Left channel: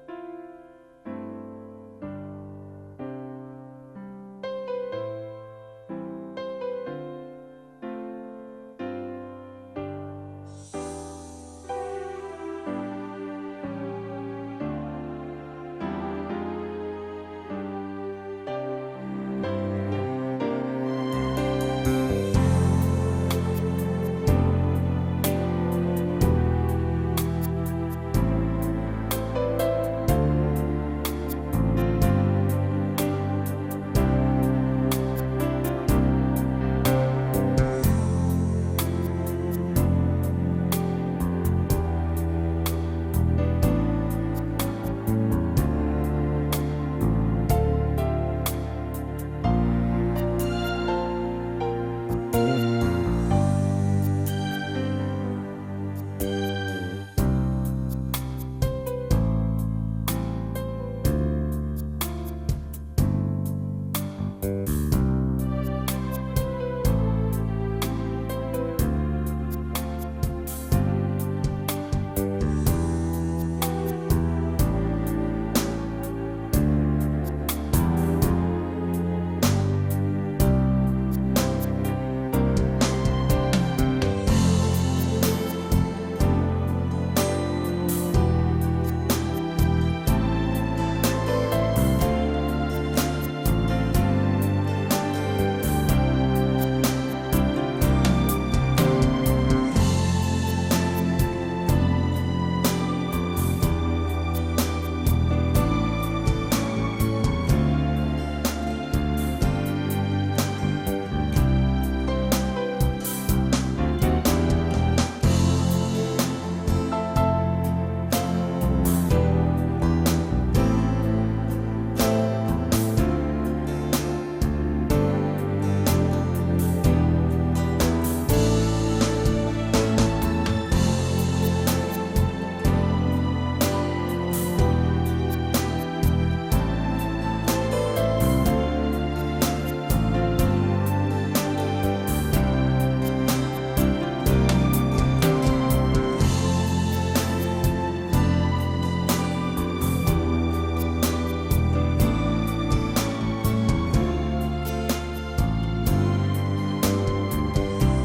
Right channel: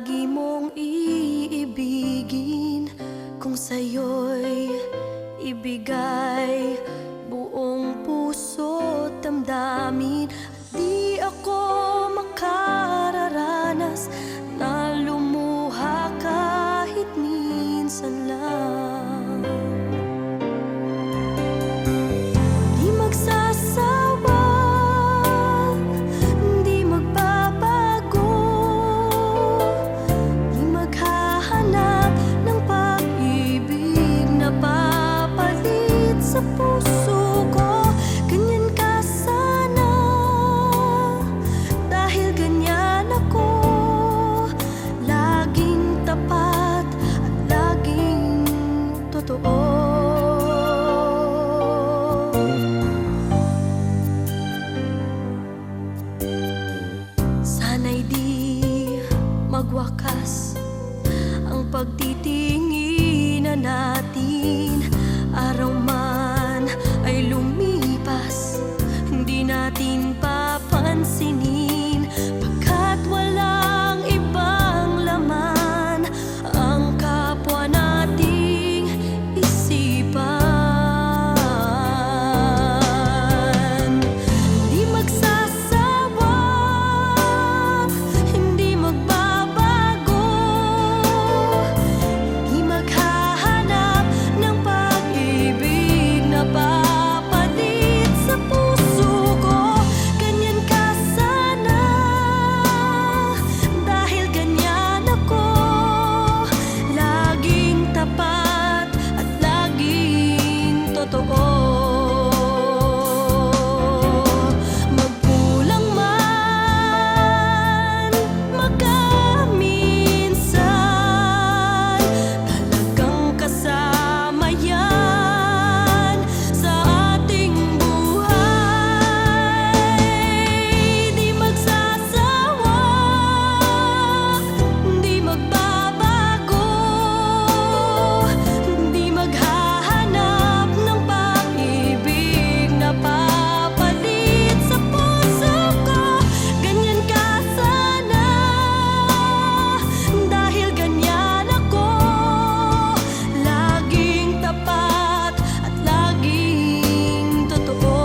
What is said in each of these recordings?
lagi mong iibigin, kung sa'yo'y ibigay buong puso't damdamin. At di ako makararanas na lumuha kahit minsan lang. Di magsasawa, di magbabago, di maghahanap ng pag-ibig na papalit sa puso ko. Ganyan ka sana, dahil ganyan ako, laging tapat at laging totoo. Sana'y di magwakas ang pagtitinginan natin. Araw man ay lumipas, hindi natin papansinin, pagkat walang ibang laman ang kapwa nating isipan. Hindi magsasawa, hindi magbabago, di maghahanap ng pag-ibig na papalit sa puso ko. Ganyan ka sana, dahil ganyan ako, laging tapat at laging totoo. Magkulang man, magkaminsan, talagang kasama yan sa ating buhay. Di magsasawa, di magbabago, di maghahanap ng pag-ibig na papalit sa puso ko. Ganyan ka sana, dahil ganyan ako, laging tapat at laging totoo.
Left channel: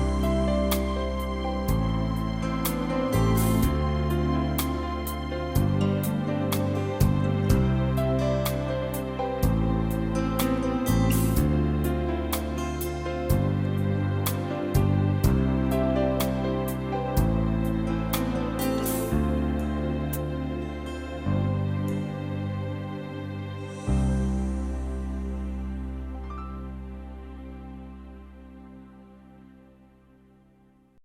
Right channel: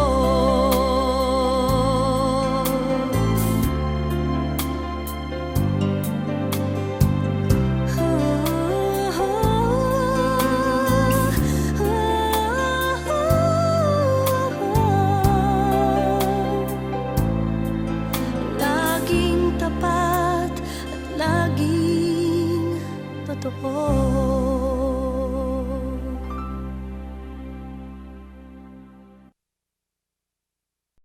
Laging tapat at laging totoo.